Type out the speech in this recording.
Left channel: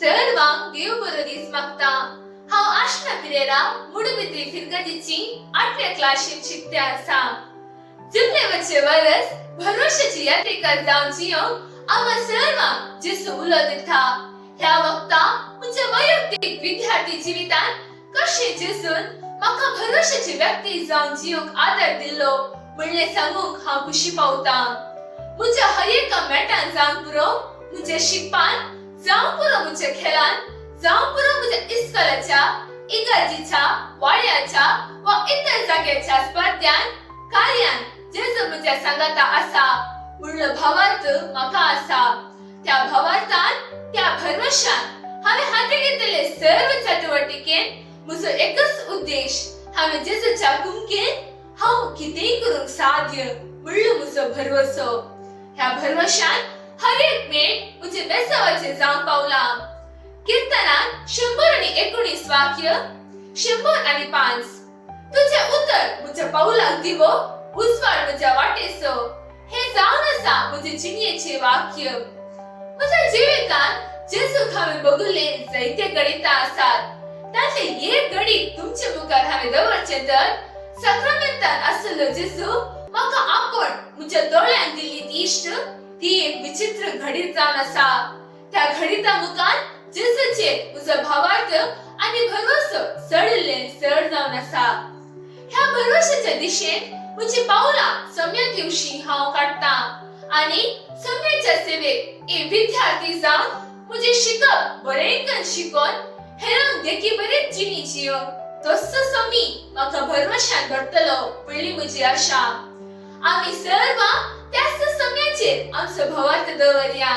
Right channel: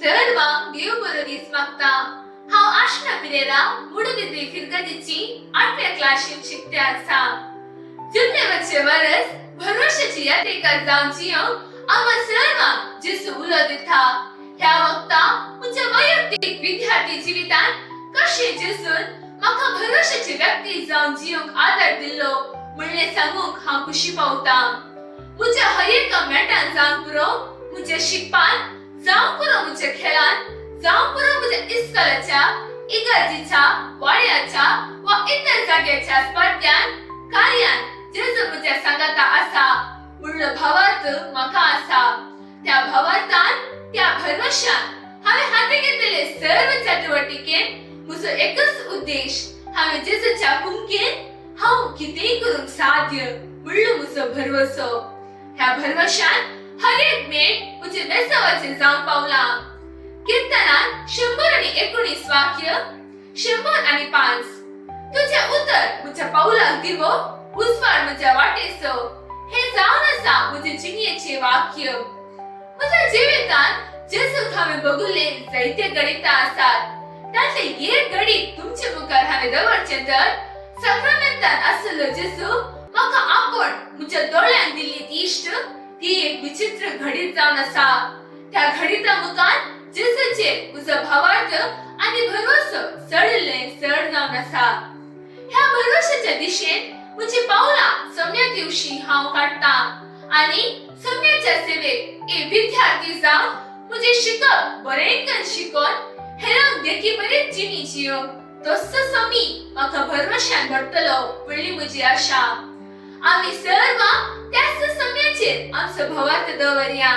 सर्वांग देव बरो दीस मागता। हांव आशना पिरेरा मुडबिद्री फिरगजीची 8व्या क्लासीन शिकते आसा। जितले वच्चे वरस भरोशाची यात्रेका जावन जियोंक आम्हा सर्वांक जेसू उलो दिता। ह्या वक्ता म्हज्या वैयक्तीक विद्यार्थी जिवितान कशे जेसून म्हाका भरोशाची व्यक्ती जावन जियोंक आदार दिल्लो म्हणले सांगूंक हांव खुशी पावता। म्हज्या हर एका मेटान जावं पुरो म्हज्या शिकपान, जावं पुरो म्हज्या खेळान, जावं पुरो म्हज्या इस्कॉलाच्या, इगर्जीच्या, वाड्याच्या वा इतर जाग्याच्या स्पर्धांत, कार्यान जेजू म्हज्या सांगाता आसा म्हणलो भावार्थ म्हाका आसा। त्या भावार्थान, त्या भरवशान हांवें हाती घेतलेले सर्व चटवटिकेन म्हजो एकच उद्देश, हांवें जेजूच्या कुमकेन हांव कितेंय करूंक साध्य म्हणलो म्हजो भरवसो। ह्या भरवशान हर एक मेट म्हजे बेसावाचे जावन पावला। कीर्तनान 119 वाक्य, 105 तुझे उतर म्हज्या पावलाक दिवो, उजवाड म्हज्या वाटेसो, हे जावन आसा म्हजे जिणेचे वाक्य। म्हज्या जिवितान जेजूक हांवें बघिल्ले जायते गणिता आसात। तातले एक गणित तुमचे मुखार हांवें दवरचे तर सक्रामेंतान आसलो जेजू म्हाका आपण म्हज्या दोळ्यान दिल्ली ती इश्ट, ती एक विचित्र घडीत जावन आसा। त्या घडीता मुखार जेजूचे म्हजो भावार्थ आनी भरवसो सडले सड जावन आसा। ह्या भरवशाच्या दिशेन म्हजी पावलां सम्यक दिवशी हांव काडटा आनी सम्याच्या सेवेक एक विद्यार्थी जावन म्हजे शिकप बरेंकन शिकोन हेरांक देखी बरें जिणी जियोंक तसो समी म्हाका भरवशान घडटलो म्हणली म्हजी आशा। आमी सर्व त्याच सम्याचेर आमचो भावार्थ दवरया।